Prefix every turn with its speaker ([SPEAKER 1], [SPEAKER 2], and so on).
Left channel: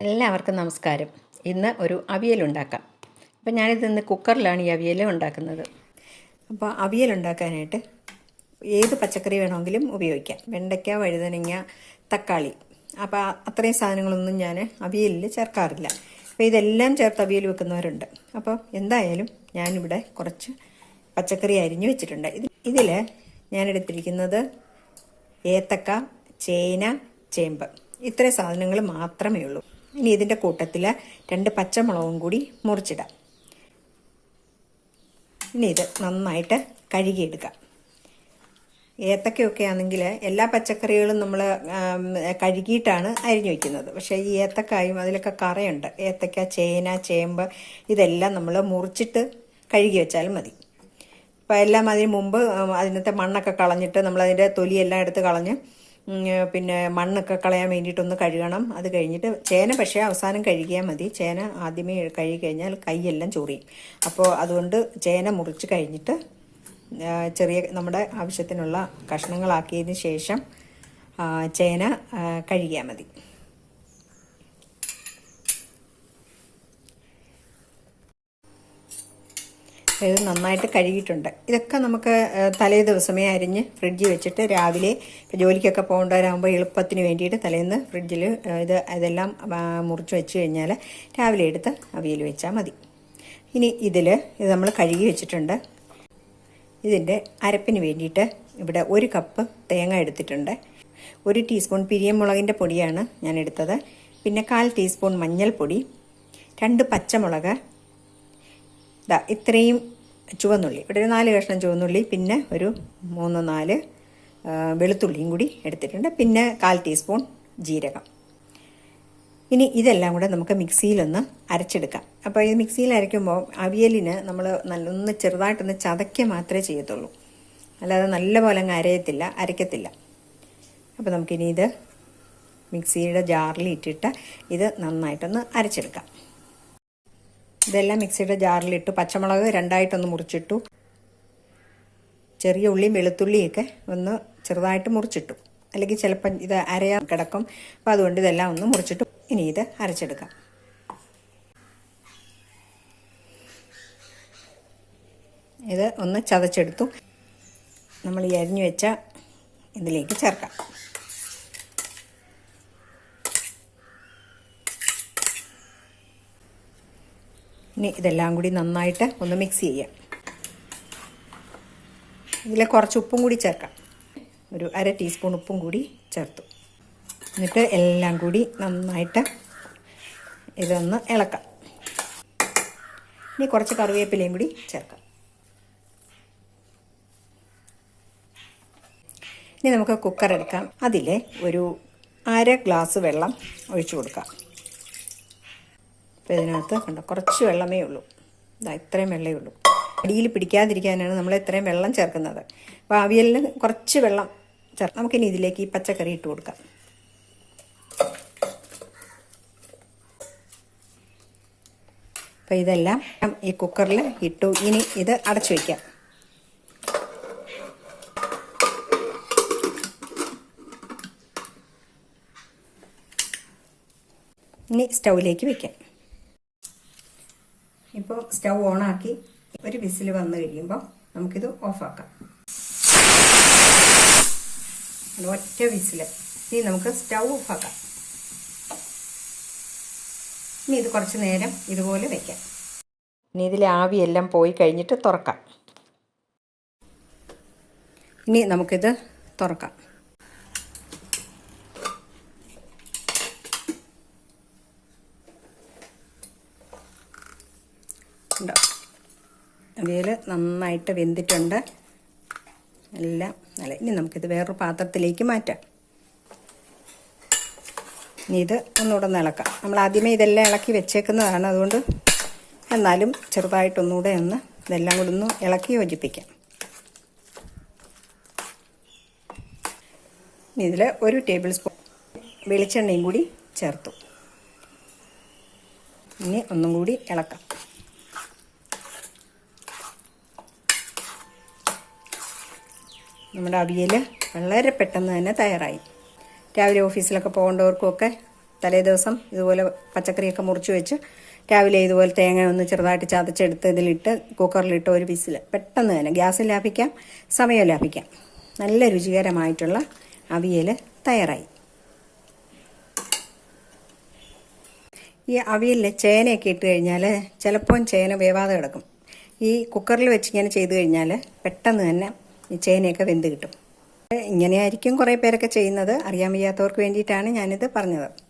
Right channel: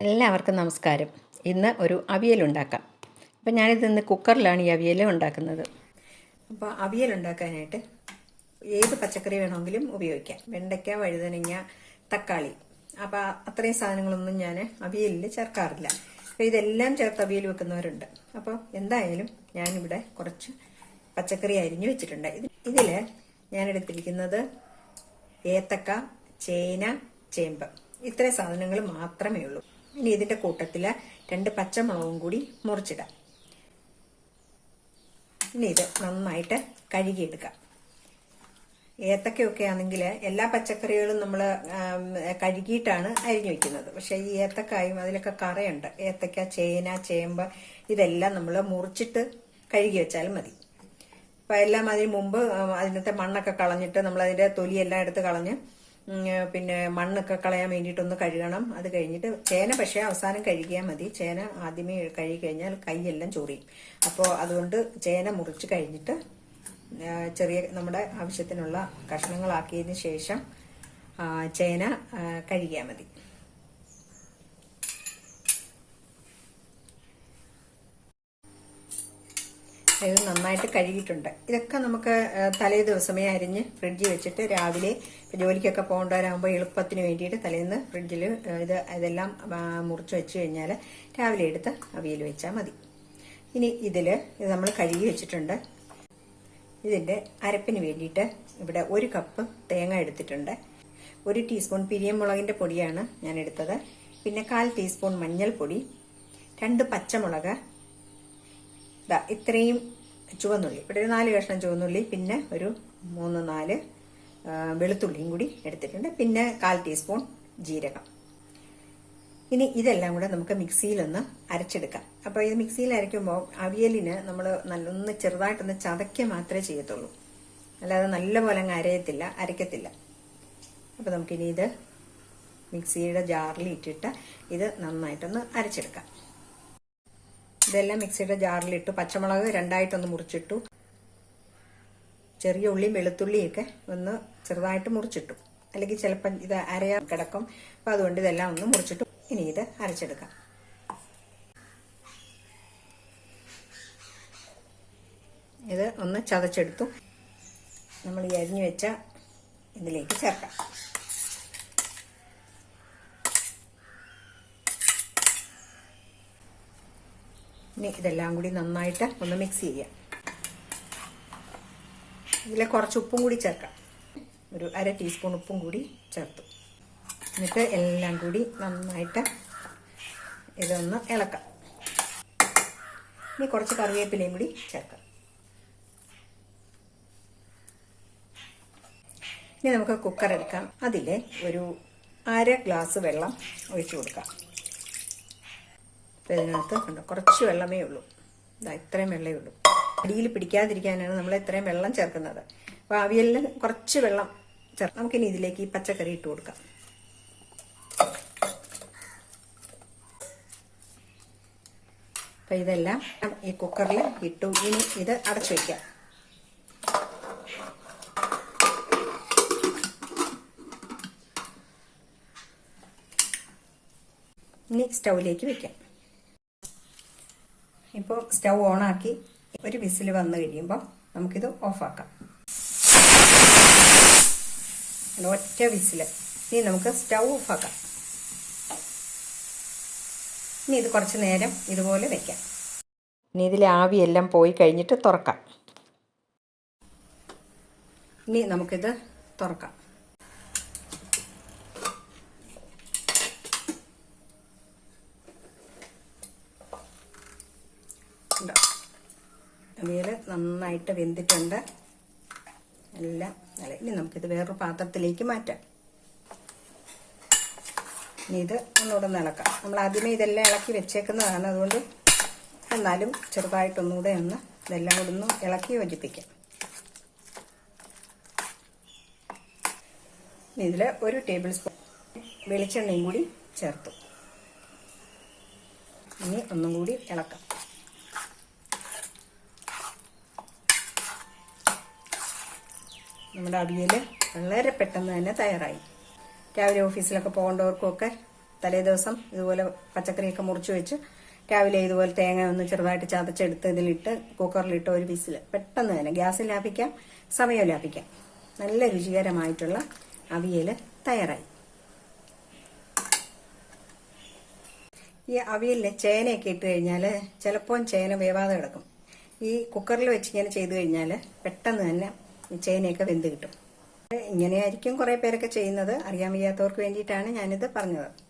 [SPEAKER 1] എല്ലാവർക്കും നമസ്കാരം. ഇന്ന് ഒരു അവിയൽ ഉണ്ടാക്കാം. അപ്പം ഞാനിത് ഇന്ന് കുക്കറിലാണ് ഈ അവിയൽ ഉണ്ടാക്കുന്നത്. അപ്പോൾ അവിയൽ ഉണ്ടാക്കാനായിട്ട് ഏത് പച്ചക്കറി വേണമെങ്കിലും ഉപയോഗിക്കാം. വെണ്ടയ്ക്ക വഴുതനങ്ങ തക്കാളി. അപ്പോൾ അത്രയും സാധനങ്ങളൊന്നും ഞാൻ അവിയലിൽ ചേർക്കാറില്ല. അപ്പോൾ ഇതെല്ലാം ചേർത്ത് അവിയൽ വെക്കുന്നവരുണ്ട്. അപ്പോൾ എന്തായാലും ഞാനിവിടെ കുറച്ച് പച്ചക്കറി അരിഞ്ഞു വെച്ചിട്ടുണ്ട്. ഇത് ഇതിൽ ഞാനെടുത്തിരിക്കുന്നത് ഏത്തക്ക ചേന ചേമ്പ്. ഇത്രയും സാധനങ്ങൾ മാത്രമേ ഉള്ളൂ. ഇനി ഇതിന്റെ കൂട്ടത്തിൽ രണ്ട് പച്ചമുളകും കൂടി മുറിച്ചിടാം. ഇനി ഇത് നന്നായിട്ട് കഴുകിയെടുക്കാം. ഏത്തക്കയൊക്കെ ആണെങ്കിൽ എല്ലാ പച്ചക്കറികളും നമ്മൾ കഴുകിയിട്ടാണ് അരിഞ്ഞു വയ്ക്കുന്നത് പക്ഷേ ഈ ഏത്തക്കായും അതിലൊക്കെ കറയുണ്ട്. ഏത്തക്ക ചേന ചേമ്പ് ഇതെല്ലാം നമ്മൾ മുറിച്ചിട്ട് കഴുകി വെച്ചാലും മതി. അപ്പോൾ എല്ലാം അതിന് മുമ്പ് അതിനകത്തെ മണ്ണൊക്കെ കളഞ്ഞിട്ട് നമ്മളതിന്റെ തൊലിയെല്ലാം എടുത്ത് കളഞ്ഞ് പിന്നെ മണ്ണൊക്കെ കളയാൻ വേണ്ടിയിട്ടൊന്ന് കഴുകണം. അത് കഴിഞ്ഞിട്ട് ചേന പക്ഷേ അവസാനം കഴുകിയാൽ മതി. ചേന ആദ്യമേ കഴുകി കഴിഞ്ഞാൽ കൈയെല്ലാം ചൊറിയും. അപ്പോൾ അതുകൊണ്ട് ചേന മുറിച്ച് കഴിഞ്ഞിട്ട് ചെറിയ നമ്മുടെ ആവശ്യത്തിനുള്ള കഷ്ണങ്ങളാക്കിയതിന് ശേഷം ചേന കഴുകിയാൽ മതി. ഇത് നന്നായിട്ട് കഴുകിയിട്ടുണ്ട്. ഇതൊക്കെ നമുക്ക് തലേ ദിവസമേ അരിഞ്ഞ് ഫ്രിഡ്ജിൽ വെച്ചിട്ട് രാവിലെ ജോലിക്കൊക്കെ പോകേണ്ടവരാകുമ്പോൾ എളുപ്പത്തിന് വേണ്ടിയിട്ട് തലേന്ന് ഫ്രിഡ്ജിൽ ഇത് ഇതെല്ലാം മുറിച്ച് വെച്ച് കഴിഞ്ഞാൽ രാവിലെ എടുത്ത് അവിയൽ വെച്ചാൽ മതി. ഇനി ഇതിൽ ഇത് നമ്മൾ കഴുകി വെച്ചിട്ടുണ്ട്. ഇതിന്റെ അരപ്പിന് വേണ്ടിയിട്ട് ഇവിടെ ഒരു കപ്പ് തേങ്ങ എടുത്തിട്ടുണ്ട്. ഒരു ടീസ്പൂൺ പിരിയമുളകിന്റെ പൊടിയാണ് ഞാൻ എടുത്തത്. പിന്നെ കാൽ ടീസ്പൂൺ മഞ്ഞൾപ്പൊടി രണ്ട് പച്ചമുളക് ഇതാ ഇത്രയും ചുവന്നുള്ളി. ഇവിടെ ഒരു നാല് കഷ്ണം ചുവന്നുള്ളി പിന്നെ ഒരു മൂന്ന് നാല് വെളുത്തുള്ളിയും കൂടി എടുത്തിട്ടുണ്ട്. പിന്നെ കാൽ ടീസ്പൂൺ ജീരകം. ഇനി ഇതെല്ലാം കൂടെ നമുക്ക് മിക്സിയിലൊന്ന് അരച്ചെടുക്കാം. അപ്പോൾ ഇത് മിക്സിയിൽ അരയ്ക്കുമ്പോൾ അവിയലിന് നമ്മൾ നല്ലൊന്ന് ചെറുതായിട്ടൊന്ന് ചതയ്ക്കുക മാത്രമേ ചെയ്യത്തുള്ളൂ. അല്ലാതെ നല്ലപോലെ അങ്ങ് അരയത്തില്ല അരയ്ക്കത്തില്ല. അപ്പോൾ നമുക്കിനി ഇത് മിക്സിയുടെ ജാറിൽ ഇട്ടിട്ട് ഇത് നന്നായിട്ടൊന്ന് അരച്ചെടുക്കാം. ഇതെല്ലാം മിക്സിയുടെ ജാറിലിട്ടു. പച്ചമുളക് രണ്ടായിട്ടൊന്ന് മുറിച്ചിട്ടു. ചെറിയ ഉള്ളിയും വെളുത്തുള്ളിയൊക്കെ ഒന്ന് ചെറുതായിട്ട് മുറിച്ചിട്ടു. അല്ലെങ്കിൽ ചിലപ്പം ഇത് അരയാൻ കിടക്കും. അപ്പോൾ അതുകൊണ്ട് ഇതെല്ലാം ഒന്ന് മുറിച്ചിട്ടു. ഇനി ഇത് അരച്ചെടുക്കാം. ഇത് ഒന്ന് ചതച്ചെടുത്തു. നമ്മൾ ഈ അരിഞ്ഞു വെച്ച ഇതിലേക്ക് ചേർക്കാം. ഇനി ഇതെല്ലാം കൂടി നന്നായിട്ട് ഒന്ന് മിക്സ് ചെയ്യാം. ഇതിൽ കുറച്ച് ഉപ്പും കൂടി ചേർക്കാം. ഒരു അര ടീസ്പൂൺ ഉപ്പും കൂടി ചേർത്തു. എന്നിട്ട് എല്ലാം കൂടി നന്നായിട്ട് ഇതൊന്ന് ഇളക്കാം. ഇനി കുറച്ച് കറിവേപ്പിലയും കൂടി ചേർക്കാം. ഇനി നമുക്ക് കുക്കർ എടുക്കാം. അതിൽ ഒരു അര ഗ്ലാസ് വെള്ളം ഒഴിച്ചു കൊടുക്കാം. അപ്പോൾ ഇതിനകത്ത് കണ്ടോ? കുറച്ച് വെള്ളമേ ഉള്ളൂ. ഇതാ ഇത്രയും വെള്ളമേ ഉള്ളൂ. അടിയിൽ പിടിക്കാതിരിക്കാനാണ് നമ്മൾ ഇത്രയും വെള്ളം ചേർക്കുന്നത്. അപ്പോൾ അവിയലിന് കുറച്ച് വെള്ളം ചേർക്കാം നമുക്കിനി ഇതിലേക്ക് ഈ പച്ചക്കറി ഇട്ട് കൊടുക്കാം. അപ്പോൾ ഇതെല്ലാം ഈ കുക്കറിൽ ഇട്ടു. ഇനി ഇത് അടച്ചു വയ്ക്കാം ഇനി സ്റ്റൗവിലേക്ക് വെക്കാം. ഇപ്പോൾ സ്റ്റൗ ഓൺ ആക്കി ഒരു വിസിൽ വന്നു കഴിയുമ്പോൾ നമുക്കിത് ഓഫാക്കാം. ഒറ്റ വിസിൽ ഇനി നമുക്ക് സ്റ്റൗ ഓഫാക്കാം. ഇനി ഇത് കുറച്ച് നേരം ഇതുപോലെ വെക്കാം. ഇനി ഇതിലെ ആവിയെല്ലാം പോയി കഴിഞ്ഞിട്ട് തുറക്കാം. ഇനി നമുക്കിത് തുറക്കാം. ഉണ്ടോ അവിയൽ നന്നായിട്ട് വെന്തിട്ടുണ്ട്. എല്ലാം നല്ല ഇനി നമുക്കിത് വേറൊരു പാത്രത്തിലേക്ക് മാറ്റാം. ഇനി ഇത് ഒന്നുകൂടെ ഒന്ന് ഇളക്കാം. നമ്മൾ ആദ്യമേ ഇതെല്ലാം ഇളക്കി വെച്ചേക്കുന്നതാണ്. അതുകൊണ്ട് എന്നാലും ചെറുതായിട്ടൊന്നുകൂടെ ഒന്ന് ഇതെല്ലാം കൂടെ ഒന്ന് ഇളക്കി യോജിപ്പിക്കാം. ഇതിൽ ഒരു ടേബിൾ സ്പൂൺ വെളിച്ചെണ്ണയും കൂടി ചേർത്തു. ഇനി ഒന്നും കൂടി ഇളക്കാം. നമ്മുടെ അവിയൽ വളരെ പെട്ടെന്ന് തന്നെ തയ്യാറായി. രാവിലെ ഓഫീസിലൊക്കെ പോകേണ്ടവർക്കുമൊക്കെ തലേ ദിവസം ഇതുപോലെ പച്ചക്കറിയൊക്കെ മുറിച്ച് വെച്ച് രാവിലെ ഇതുപോലെ തേങ്ങ ഒന്ന് ചെറുതായിട്ട് ചതച്ചെടുത്ത് ഇതിലിട്ട് കുക്കറിലിട്ട് ഒരു വിസിൽ. പെട്ടെന്ന് തന്നെ ഗ്യാസ് ലാഭിക്കാം സമയം ലാഭിക്കാം. നല്ല രുചികരമായിട്ടുള്ള അവിയൽ തയ്യാറായി. ഈ അവിയലിൽ ചേനയൊക്കെ ഇട്ട് കഴിഞ്ഞാൽ ചിലപ്പോൾ ചേന വേവാതെ കിടക്കും. ഈ കുക്കറിൽ വെച്ച് ഇങ്ങനെ ചെയ്ത് കഴിഞ്ഞാൽ പെട്ടെന്ന് തന്നെ ചേനയൊക്കെ വെന്ത് കിട്ടും. ഇങ്ങനെയായിരിക്കും കുറേ പേരൊക്കെ ചെയ്യുന്നത്. അറിയാൻ വയ്യാത്തവർക്ക് വേണ്ടിയിട്ടാണ് ഞാനിത് പറഞ്ഞത്.